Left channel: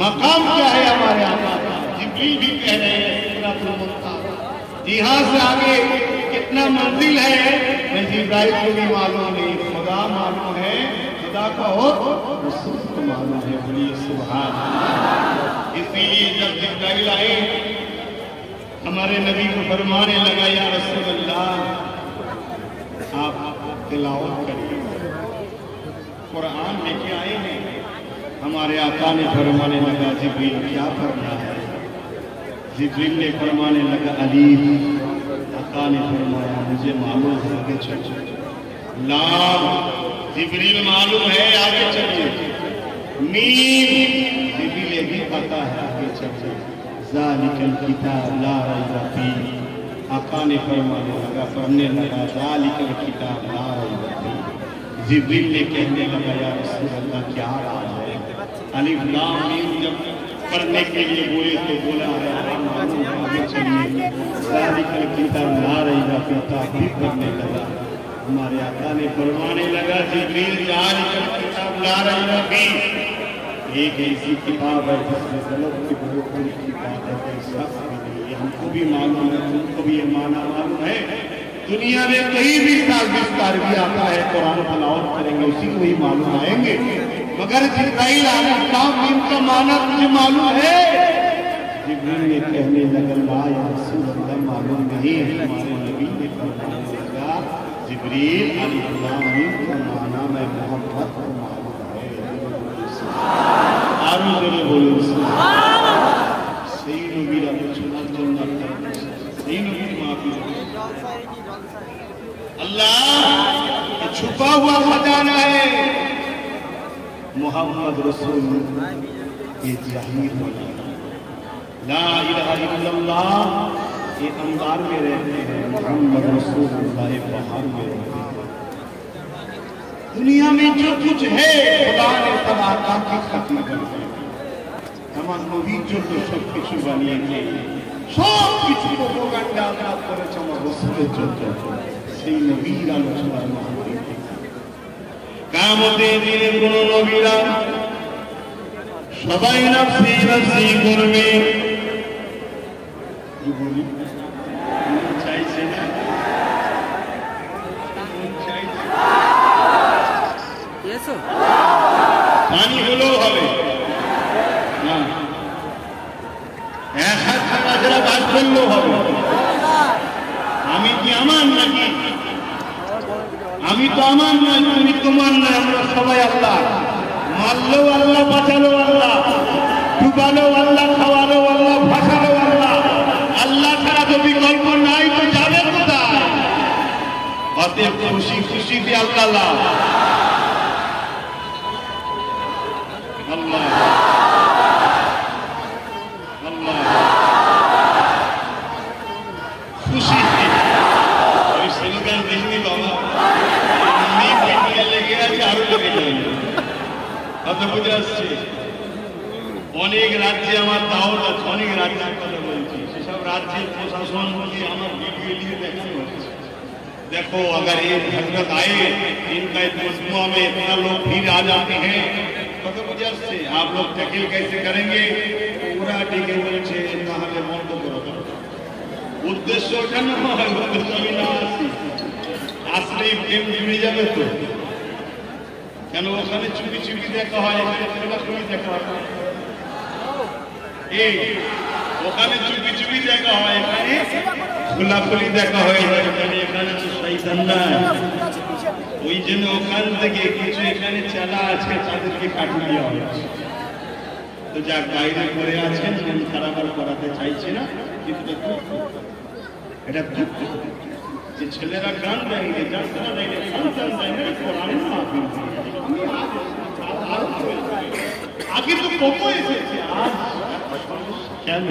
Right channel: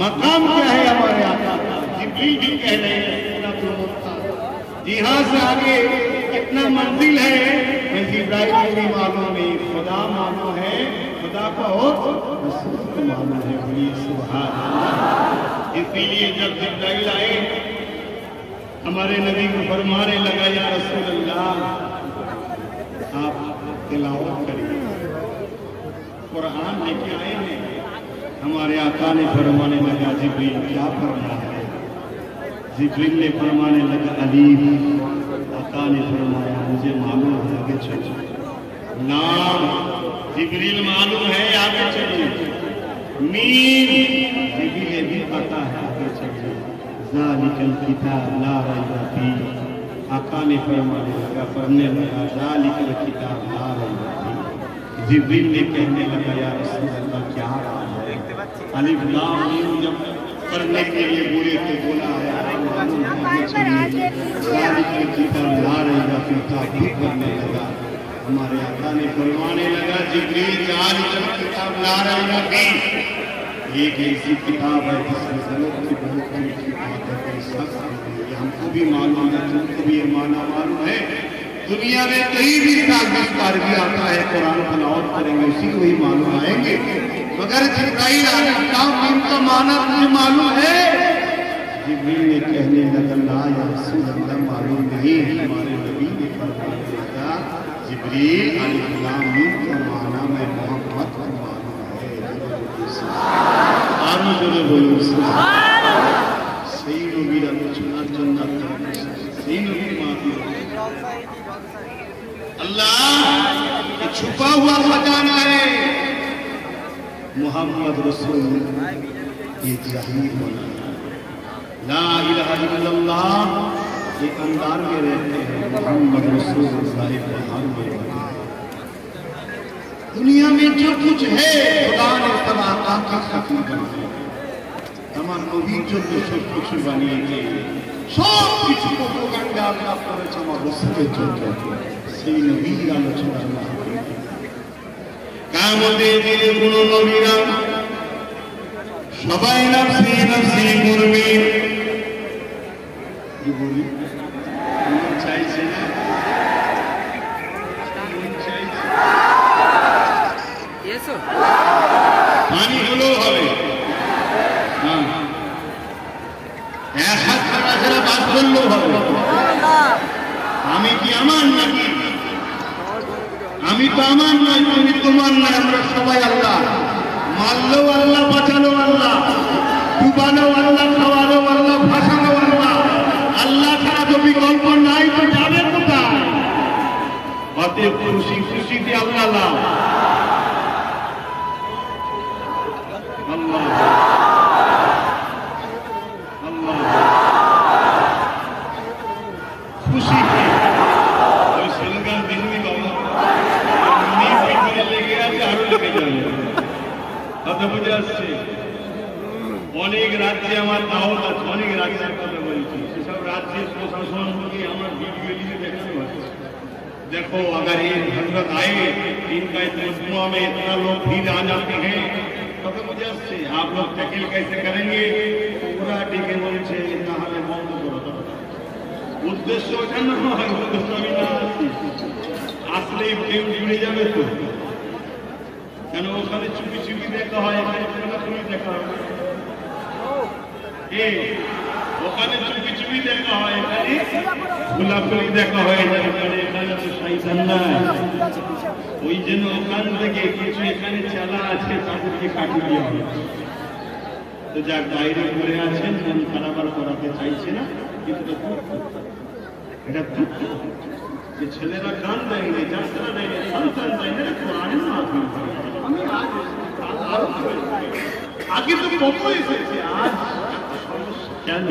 مقام کیا ہے ہمارے آقا کا؟ جبریل بھی کہہ رہے ہیں یہاں سے آگے کتنا منزل ہے جبرائیل کو بھی معلوم نہیں، خدا معلوم ہے، خدا کو رسول کو معلوم ہے۔ بولیے سبحان اللہ۔ اس لیے جب جبرائیل آئے ہمارے نبی کو فرمانے لگا یا رسول اللہ آپ تلاوت کریں، قرآن لے کے آئے ہیں۔ ہمارے آقا نے فرمانے لگا جبریل کیا پڑھنا ہے؟ جبریل نے فرمانے لگا علی، آقا نے فرمایا مجھے معلوم ہے آگے چلو۔ لام جبریل معلوم ہے آگے چلو۔ میم جبریل بھی پتا ہے آگے چلو۔ ذالک الکتاب لا ریب فیہ، آقا نے فرمانے لگا پڑھنے لگا ذالک الکتاب لا ریب فیہ۔ جبریل نے کہنے لگا یا رسول اللہ کیا راز ہے؟ الف لام میم جب کرنے کے لیے بولے تو بولا ہے آگے چلیے ذالک الکتاب لا ریب فیہ، تحقیق کرنے لگا۔ ہمارے آقا نے فرمانے لگا جبریل ذالک الکتاب لا ریب فیہ، ایک ایسی کتاب ہے جس میں غلط کی بہت بڑی کتاب ہے، کوئی سچ نہیں۔ ہم کو بھی معلوم ہے، تم کو بھی یہ معنی معلوم ہے۔ دنیا میں کہیں بھی تاجدار بھی آتا ہے قرآن تلاوت کریں گے اسی کو ہی معلوم آئیں گے، مگر جبرائیل ان کا معنی تمہیں معلوم ہے؟ جبریل نے کہنے لگا لا یا رسول اللہ معلوم نہیں۔ ہمارے نبی نے فرمانے لگا جبریل الف لام میم کا معنی میں محبت کو معلوم ہے۔ آرو جڑے بولے سبحان اللہ۔ صحیح نبی رب چنا جنت صحیح نبی معافی اللہ چھپا ہوا خزانہ ہے محمد رسول ایک ظاہر بنا لا الہ الا اللہ، ایک اندار میں رہتے ہیں محمد رسول اللہ ایک بہار میں رہتے ہیں۔ دنیا میں جو کچھ ہے خدا نے تب آقا کا ختم کر دیا، تمام نبی جو سب کچھ بنیے گے سب کچھ کو گنڈا کا پرچم رسول جو সেই নবীর আলোচনা কামতে দিনে কোন নবীরা সবাই নফসি নফসি করবে, কি বলি চাইছে না পানি হলেও হবে, এক হাত ছাড়া বাদ করলেও হবে। আমি কি আমার নাকি? আমি তো আমার নয়, তুমি তোমার নয়, আমরা সবাই আল্লাহ। মারলো আল্লাহ, বাঁচালো আল্লাহ, ডুবালো আল্লাহ, খাওয়ালো আল্লাহ, ভাসালো আল্লাহ। আল্লাহ ছাড়া তো বিকল্প নাই, তো যাবে কোথায়? অতএব খুশি খুশিতে আল্লাহ আল্লাহ আল্লাহ খুশি। ওই স্লোগান দিনই বাবা লেগে আছে, আরো লেগে যাবে। কত বুঝে আসছে? অনেক রাজ্যে আমার তাও অনেক রাজ্যের কথা বলছি, সেসব রাজ্যের প্রশাসন নিয়ে আমার ভিডিও নিয়ে দেখানো হচ্ছে। देखो अगर ये हजरत आए इनका मजमुआ में इतना लोग भीड़ आ जाते हैं, पता वजह से आप लोग टैकल कैसे करेंगे? पूरा टीके বলছে তাহলে বন্ধ করো। উদ্দেশ্য কেন হয়? উদ্দেশ্য আসলে প্রেম জুড়ে যাবে তো, কেন ওখানে চুপি চুপি দেখা হয়, এখানে খোলাখুলি দেখা হয়। এই ওখানে চুপি চুপি দেখা হয়, এখানে খোলাখুলি দেখা হয়ে যায়। এখানে তো শয়তান না, ওই জন্য ওখান থেকে কিছু এখানে চালা আছে, তাদেরকে কাটিয়ে দেওয়া হচ্ছে। তো যাক, বাইরে পড়ে আছেন, মন খারাপ আর করাতে চাইছে না, কিন্তু এটা দুঃখ যে ছেলেরা গান দেয়নি, যাত্রা দেয়নি, সন্তান দেয়নি, কোরআন আমি আগে তো কত এসেছে, আজ কেন?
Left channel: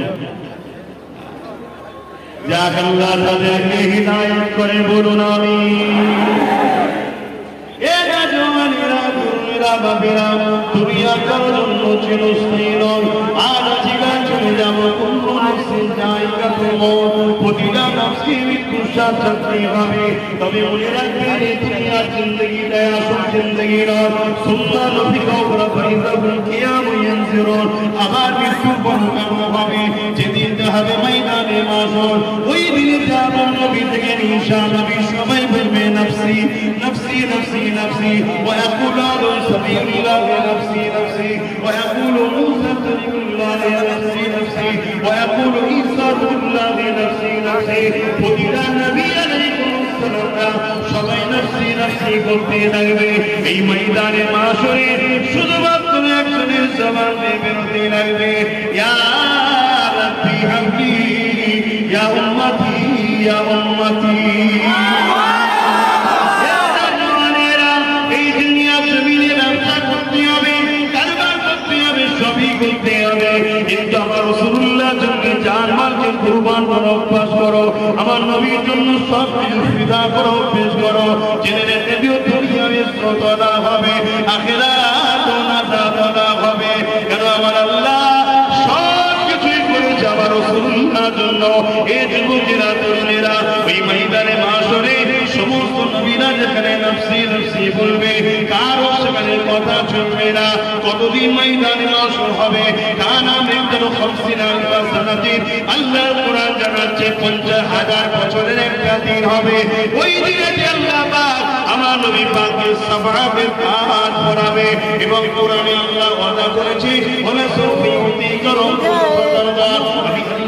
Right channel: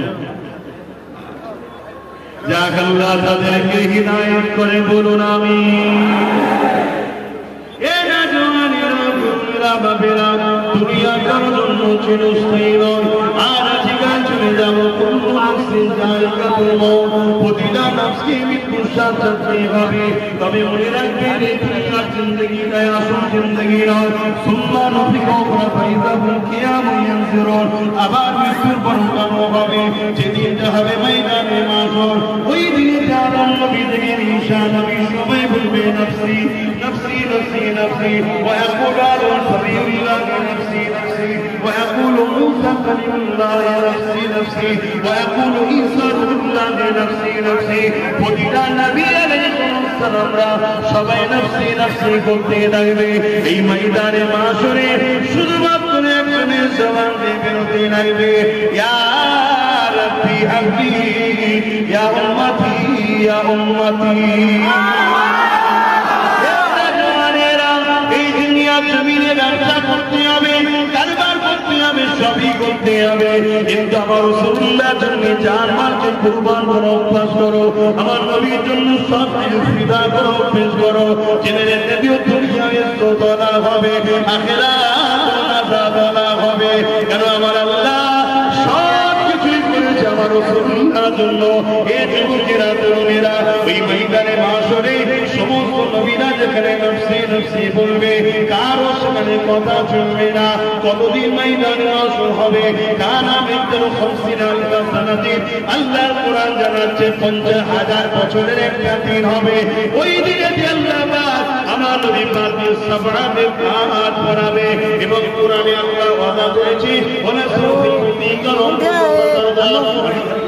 যাক আল্লাহ তাদেরকে হিদায়াত করে বলুন আমিন। এ রাজওয়ানেরা, দুনিয়া বাবেরা, দুনিয়া কারোর জন্য ছিল স্থায়ী নয়, আজ জীবন চলে যাবে। কুল্লু নাফসিন যায়িকাতুল মউত, প্রতিটা নফসের মৃত্যুর স্বাদ চাখতে হবে। তবে মনে রাখবেন, এই দুনিয়ার জিন্দেগিটা আসল জিন্দেগি নয়। সুম্মা নুফিখা উখরা ফাইযা হুম কিয়ামুন ইয়ানজুরুন, আবার মৃত্যুর পর উঠানো হবে, যেদিন হবে ময়দানে মাশর। ওই দিনে আদম নবী থেকে ঈসা নবী সবাই বলবে নফসি নফসি নফসি নফসি, ওয়া ইয়াকুলু আদম সাবিয়ুল্লাহ নফসি নফসি, ওয়া ইয়াকুলু মূসা কালিমুল্লাহ নফসি নফসি, ওয়া ইয়াকুলু ঈসা রূহুল্লাহ নফসি নফসি। প্রতিটা নবী আলাইহিস সালামরা সবাই নফসি নফসি বলতে লাগবে। এই ময়দানে মাশরে শুধুমাত্র একজনের জবান দিয়ে বেরোতে লাগবে, ইয়া রাব্বি হাবলি ইয়া উম্মতি ইয়া উম্মতি। এই দুনিয়া জমিনে ব্যবসা করতে হবে, কারবার করতে হবে, সবই করতে হবে, কিন্তু আমার রাসূলুল্লাহর জন্য জান মালকে কুরবান করার অভ্যাস করো। আমার নবীর জন্য সব কিছু ফিদা করার অভ্যাস করো। জেনে রেখে দিও, দুনিয়াতে তোলা হবে, আখিরাতে মাথা হবে। কেন? আমার আল্লাহ সব কিছুই করেছে আমার রাসূলুল্লাহর জন্য। এই যুবকেরা, তরুণীরা, এই ময়দানে মাশরে সমস্ত নবীরা যেখানে নফসি নফসি বলবে, কারো সেখানে কথা চলবে না। কতদিন ময়দানে মাশর হবে? কানা মিনকাল 50 আলফা সানাতি, আল্লাহর কোরআন জানাচ্ছে 50,000 বছরের একটা দিন হবে। ওই দিনে আল্লাহ পাক আমার নবী পাকের সাহাবাদের কাজ করাবে, এবং কোরআনে আল্লাহ ওয়াদা করেছে, ওয়া সৌফি করো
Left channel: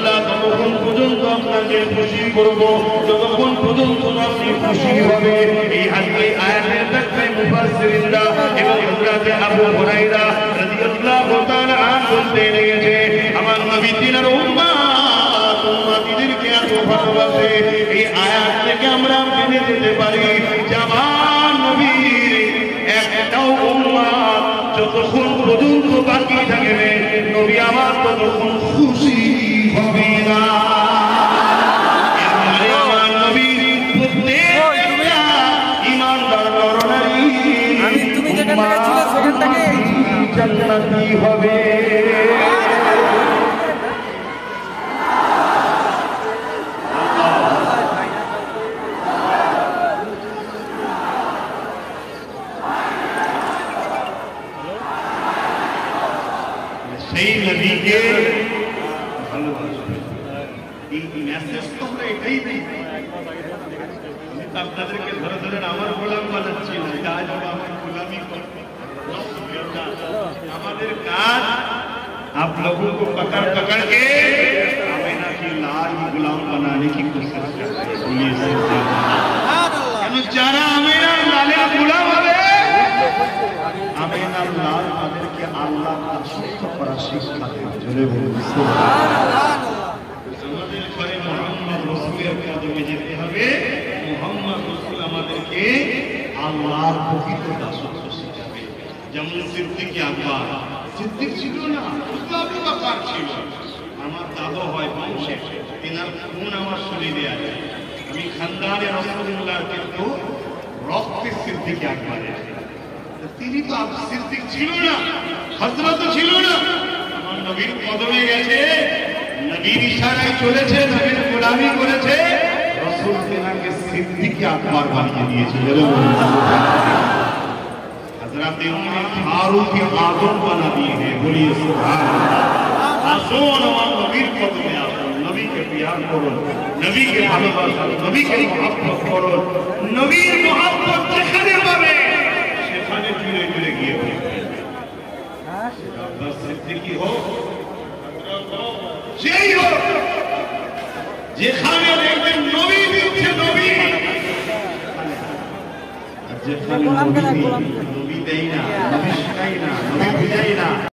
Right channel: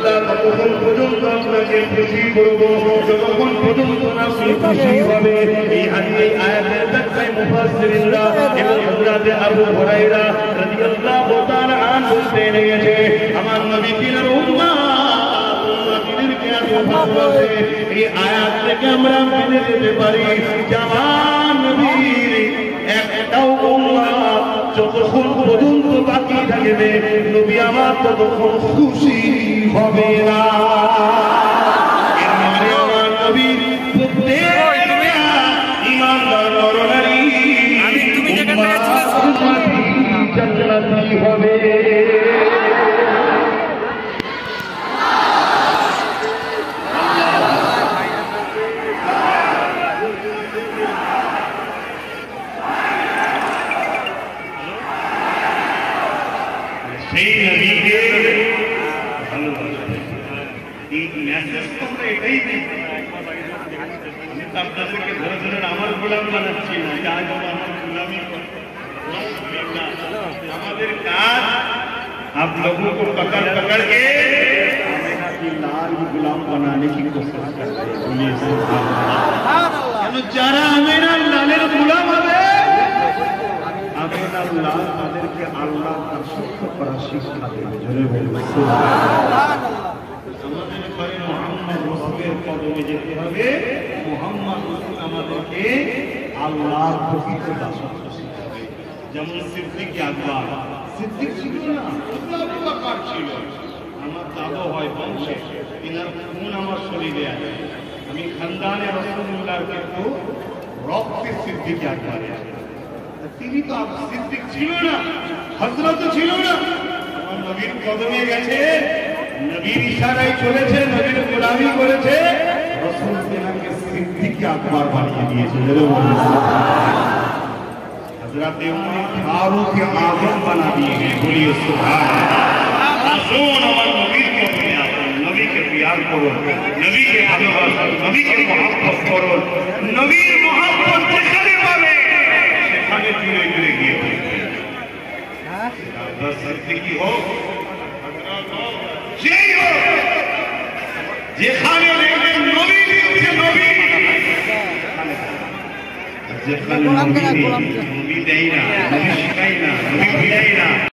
ততক্ষণ পর্যন্ত আপনাকে খুশি করবো, যতক্ষণ পর্যন্ত আপনি খুশি হবে। এই আয়াতের ব্যাখ্যায় মুফাসসিরিনরা এবং হযরত আবু হুরায়রা রাদিয়াল্লাহু তাআলা বলতে লেগেছে, আমার নবী তিনার উম্মতদেরকে এত ভালোবাসে, এই আয়াত থেকে আমরা জেনে যেতে পারি যে আমার নবী একটাও উম্মত যতক্ষণ পর্যন্ত বাকি থাকবে, নবী আমার ততক্ষণ খুশি হবে না। নবী প্রত্যেকটা ঈমানদার নরনারী জান্নাতি হবে। সেই নবীকে ভালোবাসা, এই মেসেজ তোমরা এটাই দিই। আমি তো আপনাদেরকে ধরে ধরে আমার গোলাম বানাচ্ছি না, কাজ আমার গোলামি করো। हमारे काज आप लोगों को पकड़ पकड़ के हमें ना कि लाल गुलाम बनाने की कोशिश करते हैं। हम चारा हमें लाले गुलाम हो गए, हम পাবেন আল্লাহ তাদেরকে আল্লাহ দাসত্ব করা শিক্ষা দেবে। বলে বলুন আমাদের ঘরে মুহাম্মদ রাসূলের কদমে যেতে হবে। মুহাম্মদ রাসূল আমাদেরকে আল্লাহর প্রকৃত দাসত্ব শিখাবে। যেমন সিদ্দিক আকবর, সিদ্দিক ছিল না, আবু বকর ছিল। আমার দাদু হয় বংশে, তিনার খুন আমার শরীরে আছে। আমি খানদানে রাসূলুল্লাহর কিন্তু রক্তে সিদ্দিক আকবর। তিনি তো সিদ্দিক ছিল না, হযরত ছিল না। আমার নবীর কদমে গেছে, নবীর ইশারায় চলেছে, নবীর গোলামি করেছে, রাসূল তিনাকে সিদ্দিক আকবর বানিয়ে দিয়েছে। हजरत उमर फारूक आजम बना दिए हैं। बोलिए सुभान अल्लाह। आसोन और नबी को प्यार करो, नबी के प्यार करो, नबी के भालोबासा, नबी के मोहब्बत करो, नबी मोहब्बत যেখানে পাবে সেখানে জুড়ে জুড়ে গিয়ে আপনার সিদ্দিকী হোক, সেই হোক, যেখানে দেখবেন নবী দিচ্ছে, নবী যেখানে নবী নেই, নবী দেয় না, নবী শিখায় না, নবী ভিড়াই না।